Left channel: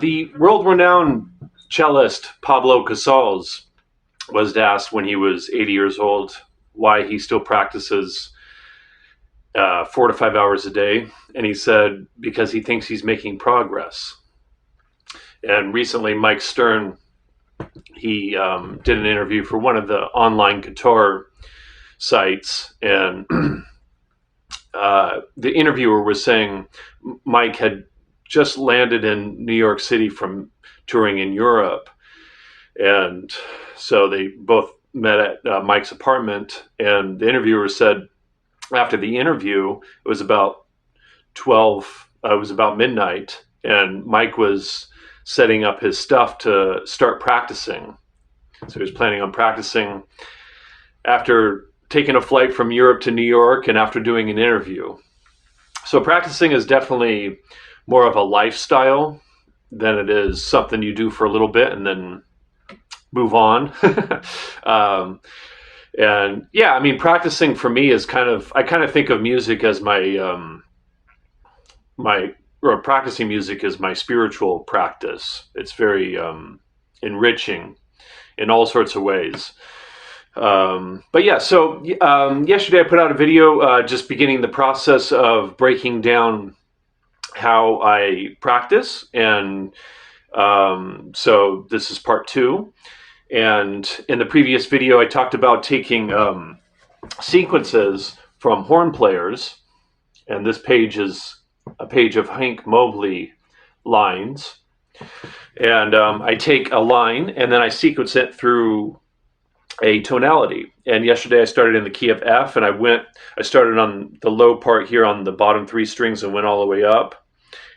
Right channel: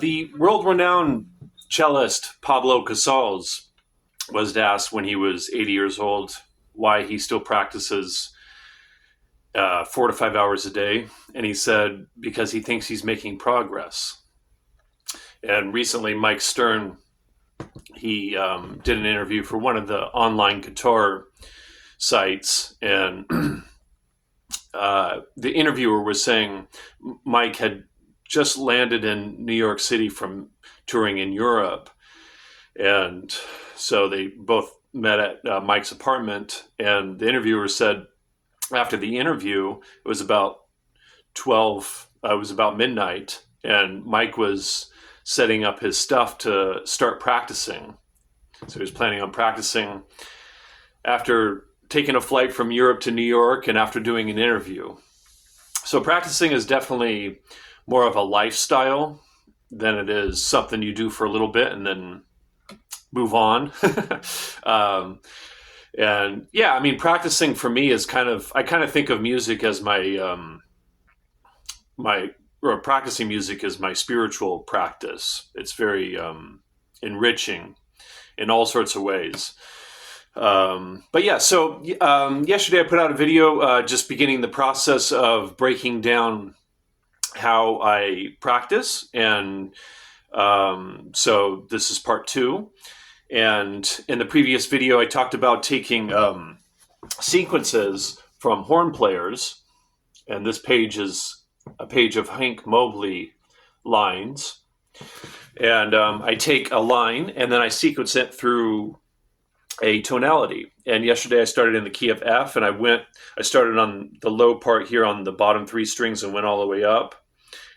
The world-renowned cellist Pablo Casals was asked when he was 80 years old why he still practices 4 to 5 hours a day. And he said, because he thinks he's making progress. And recently, Mike Stern, he did an interview for one of the online guitar sites. And the interviewer was saying Mike had just landed in New York City from touring in Europe. And so they both met at Mike's apartment. And the interviewer said after the interview, it was about midnight. And Mike was setting up his stuff to start practicing. So he was planning on practicing after taking a flight from Europe to New York and after doing an interview. So practicing is definitely more of a lifestyle than it is something you do for a little bit and then move on. And yeah, I mean, practicing for me is I kind of think of music as practicing music is my spiritual practice. It's very enriching in all sorts of ways. But yeah, so yesterday I put out a video just beginning the process of breaking down how I practice. And so this is part 2. And in the previous video, I talked about taking sequences from horn players. And this page is a page of Hank Mobley lines. And I take a line and then I sequence it through a tonality. And yesterday I started in the key of F, and I started on the low part here on the bottom 3 strings and went all the way up.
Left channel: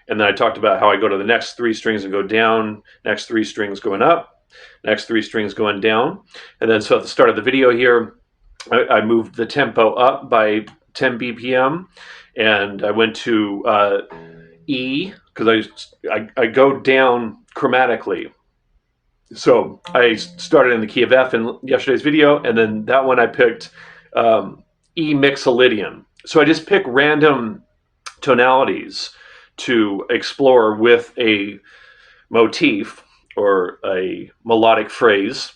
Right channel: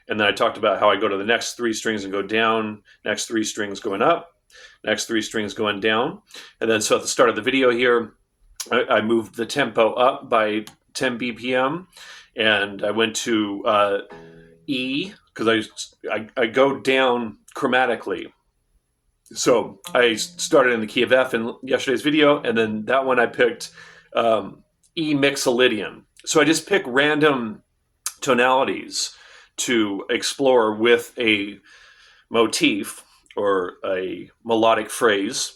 And then I talked about how I go to the next 3 strings and go down, next 3 strings going up, next 3 strings going down. And then so at the start of the video here, I moved the tempo up by 10 BPM, and I went to E, because I go down chromatically. So I started in the key of F in yesterday's video, and then that one I picked E mixolydian. So I just pick random tonalities to explore with a motif or a melodic phrase.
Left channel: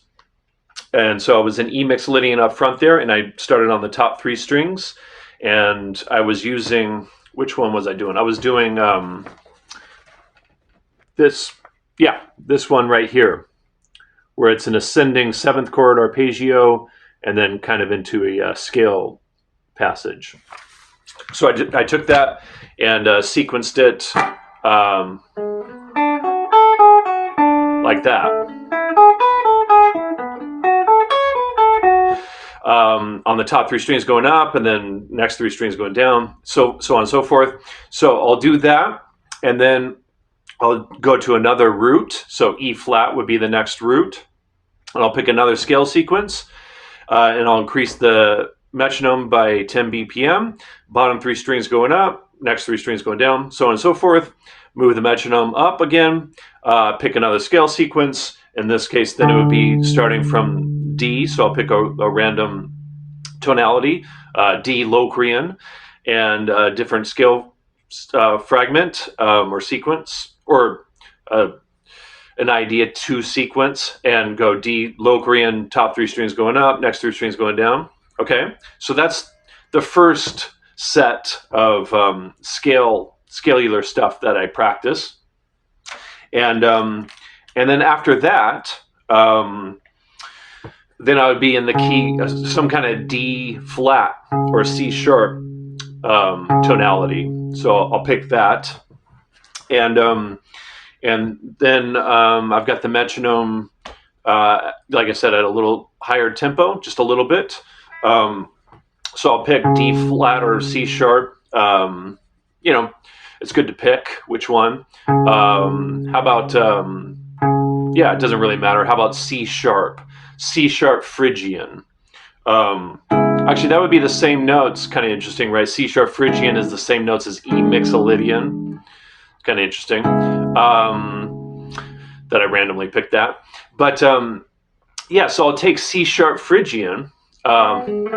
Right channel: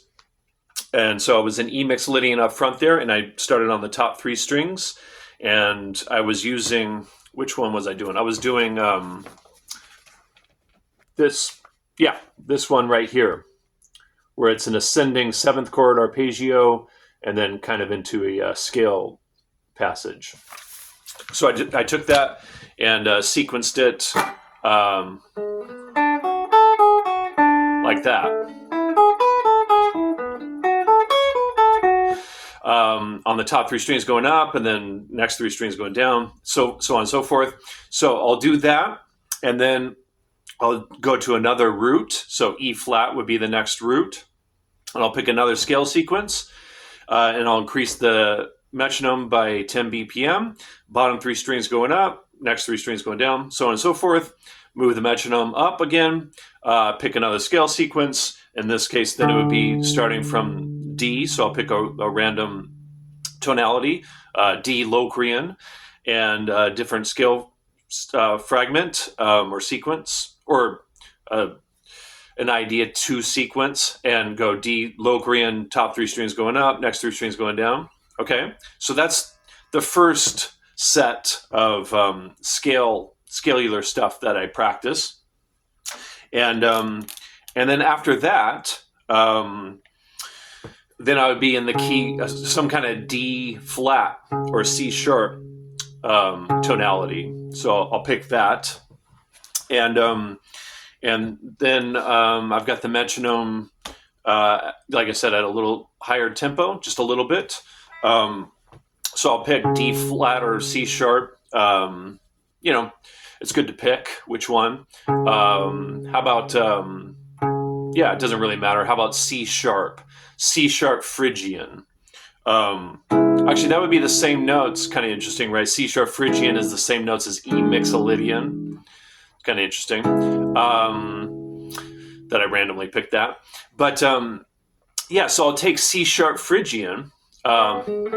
And so I was in E mixolydian up front there, and I started on the top 3 strings, and I was using, which one was I doing? I was doing this one right here, where it's an ascending 7th chord arpeggio and then kind of into a scale passage. So I took that and sequenced it like that. On the top 3 strings going up, and then next 3 strings going down, so on and so forth. So I'll do that, and then I'll go to another root. So E flat would be the next root. And I'll pick another scale sequence, and I'll increase the metronome by 10 BPM. Bottom 3 strings going up, next 3 strings going down, so on and so forth. Move the metronome up again, pick another scale sequence. In this case, then it would be starting from D. So I'll pick a random tonality, D Locrian, and a different scale fragment or sequence, or an idea to sequence, and go D Locrian, top 3 strings going up, next 3 strings going down. Okay, so that's the first set of scalular stuff that I practice, and then after that, then I would be in the key, some kind of D flat or C sharp tonality. So I'll pick that, and then I've got the metronome, like I said, at a little higher tempo, just a little bit. So I'll pick D flat or C sharp. It's good to pick which one. How about, it doesn't really matter. How about C sharp? C sharp Phrygian. Actually, that would be the same notes. Kind of interesting, right? C sharp Phrygian is the same notes as E Mixolydian. Kind of interesting that I randomly picked that. But so I'll take C sharp Phrygian, and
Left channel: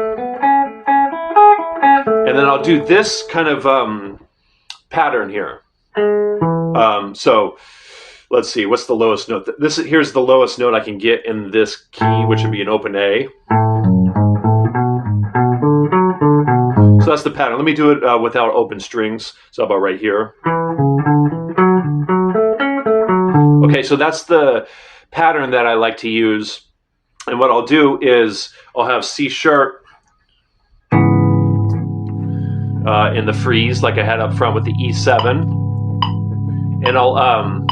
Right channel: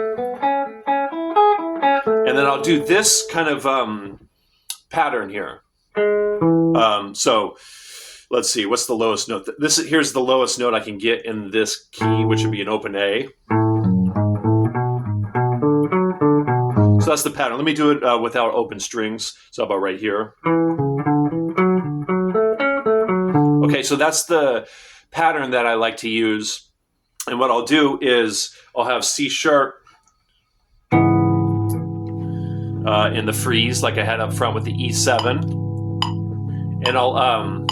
then I'll do this kind of pattern here. So let's see, what's the lowest note? Here's the lowest note I can get in this key, which would be an open A. So that's the pattern. Let me do it without open strings. So about right here. Okay, so that's the pattern that I like to use. And what I'll do is I'll have C sharp in the freeze, like I had up front with the E7. And I'll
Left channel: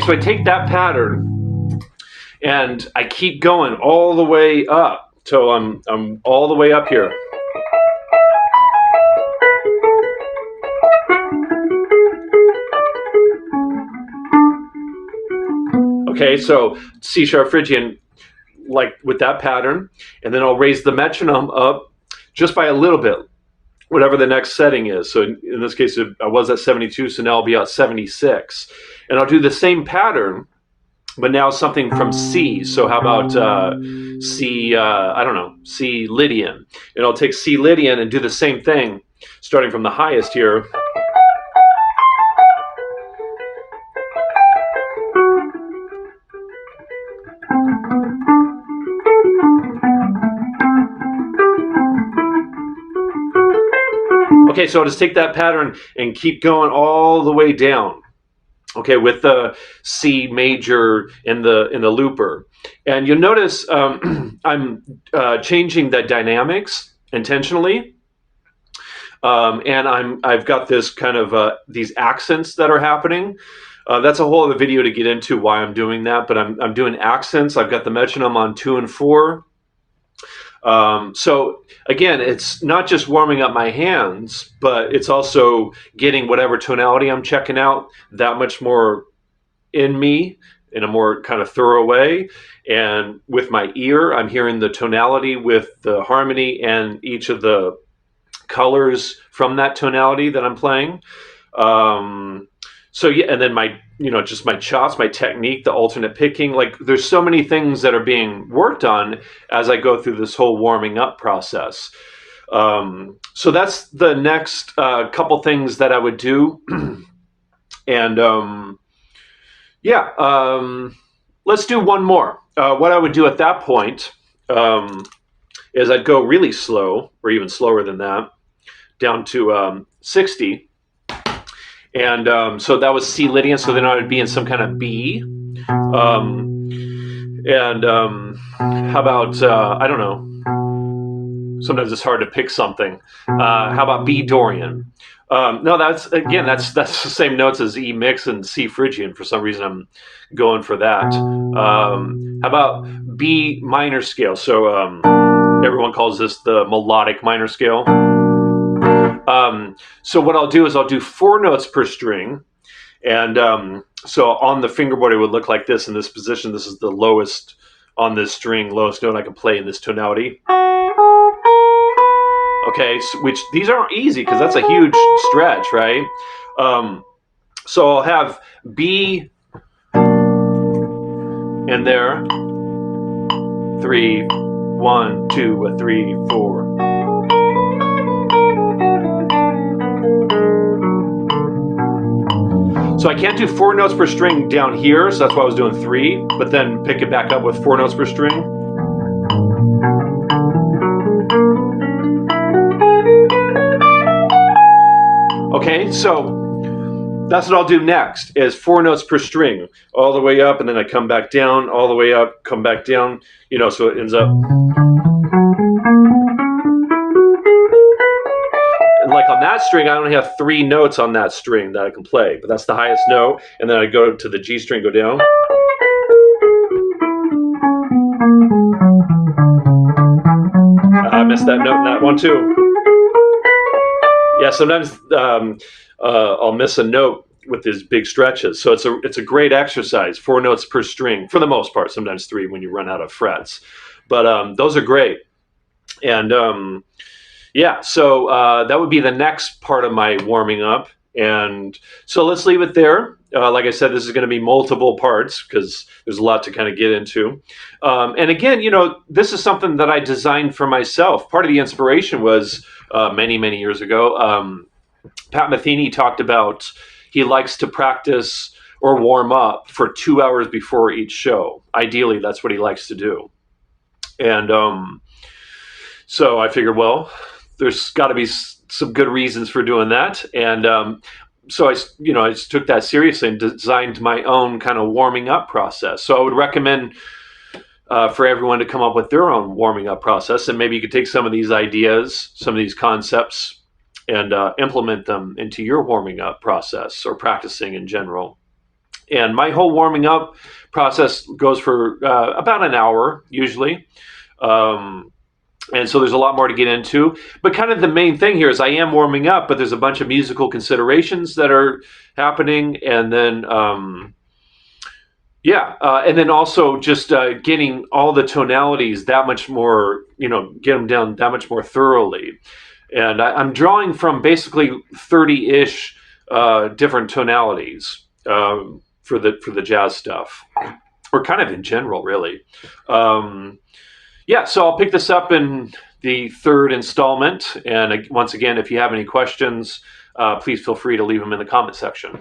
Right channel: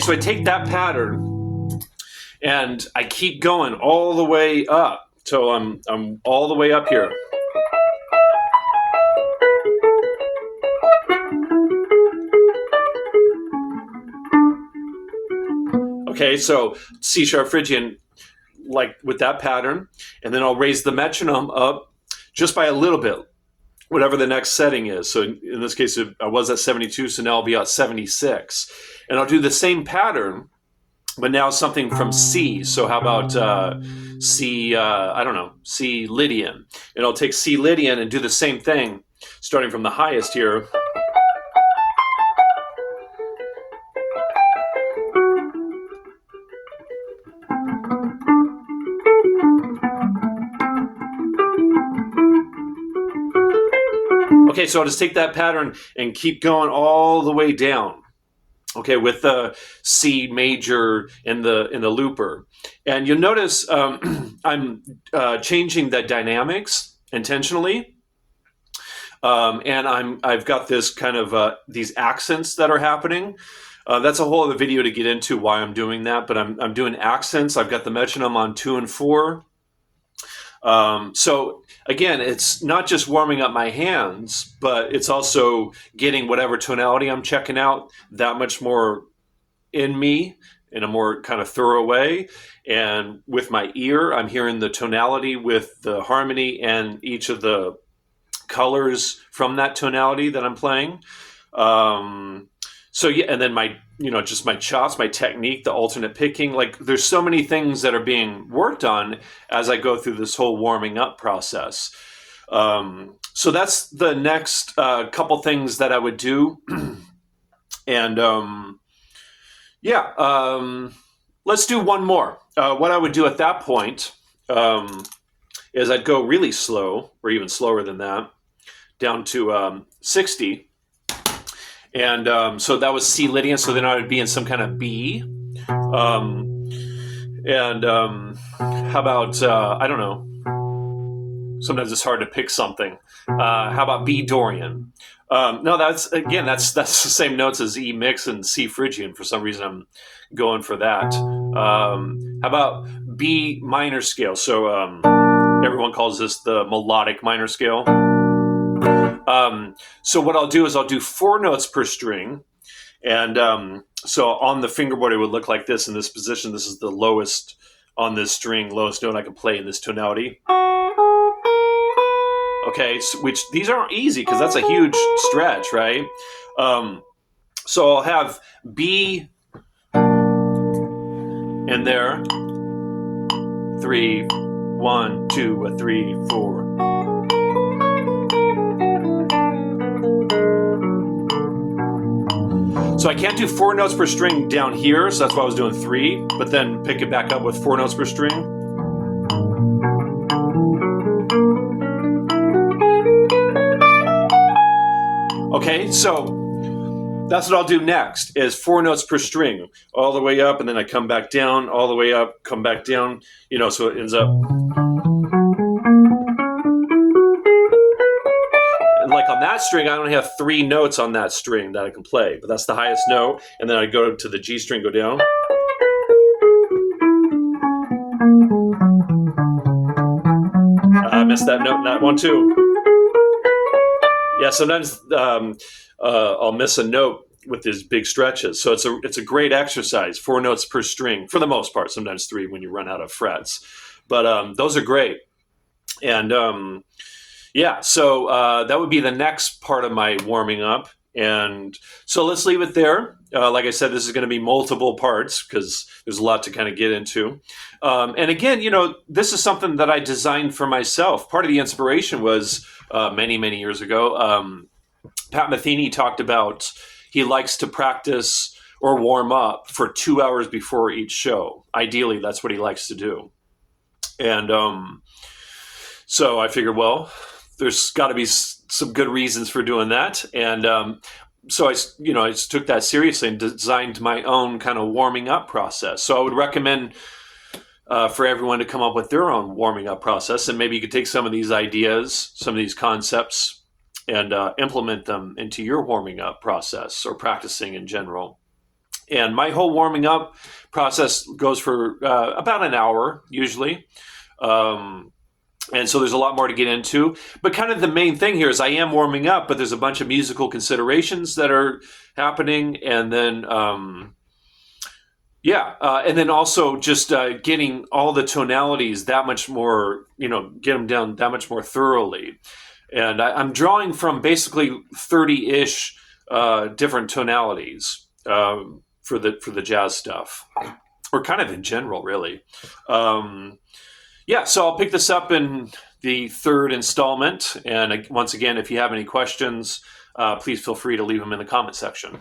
so I take that pattern and I keep going all the way up. So I'm all the way up here. Okay, so C sharp Phrygian, like with that pattern, and then I'll raise the metronome up just by a little bit, whatever the next setting is. So in this case, I was at 72, so now I'll be at 76. And I'll do the same pattern, but now something from C. So how about C, C Lydian. And I'll take C Lydian and do the same thing, starting from the highest here. Okay, so I'll just take that pattern and keep going all the way down. Okay, with the C major in the looper, and you'll notice I'm changing the dynamics intentionally, and I've got this kind of these accents that are happening. That's a whole other video to get into why I'm doing that, but I'm doing accents. I've got the metronome on 2 and 4. So again, it's not just warming up my hands, but it's also getting whatever tonality I'm checking out that much more in me in a more kind of thorough way. And with my ear, I'm hearing the tonality with the harmony and each of the colors from that tonality that I'm playing. So yeah, and then my, just my chops, my technique, the alternate picking, like there's so many things that are being worked on as I go through this whole warming up process. So that's the next couple things that I would do. And let's do one more. What I would do at that point is I'd go really slow, or even slower than that, down to 60. And so that was C Lydian, so then I would be in some kind of B. And how about I don't know. Sometimes it's hard to pick something. How about B Dorian? No, that's the same notes as E mix and C Phrygian. For some reason, I'm going for that. How about B minor scale? So everyone calls this the melodic minor scale. So what I'll do is I'll do 4 notes per string, and so on the fingerboard it would look like this in this position. This is the lowest on this string, lowest note I can play in this tonality. Okay, so, which these aren't easy because that's a huge stretch, right? So I'll have B in there, 3, 1, 2, 3, 4. So I can't do 4 notes per string down here, so that's why I was doing 3, but then pick it back up with 4 notes per string. Okay, so that's what I'll do next, is 4 notes per string, all the way up, and then I come back down, all the way up, come back down, so it ends up. And like on that string, I only have 3 notes on that string that I can play, but that's the highest note, and then I go to the G string, go down. I missed that note in that one too. Yeah, sometimes I'll miss a note with these big stretches. So it's a great exercise. 4 notes per string, for the most part. Sometimes 3 when you run out of frets. But those are great. And so that would be the next part of my warming up. And so let's leave it there. Like I said, this is going to be multiple parts because there's a lot to kind of get into. And again, this is something that I designed for myself. Part of the inspiration was many, many years ago. Pat Metheny talked about he likes to practice or warm up for 2 hours before each show. Ideally, that's what he likes to do. And so I figured, well, there's got to be some good reasons for doing that. And so I just took that seriously and designed my own kind of warming up process. So I would recommend for everyone to come up with their own warming up process. And maybe you could take some of these ideas, some of these concepts, and implement them into your warming up process or practicing in general. And my whole warming up process goes for about an hour usually. And so there's a lot more to get into. But kind of the main thing here is I am warming up, but there's a bunch of musical considerations that are happening. And then, and then also just getting all the tonalities that much more, get them down that much more thoroughly. And I'm drawing from basically 30-ish different tonalities for the jazz stuff, or kind of in general, really. So I'll pick this up in the 3rd installment. And once again, if you have any questions, please feel free to leave them in the comment section.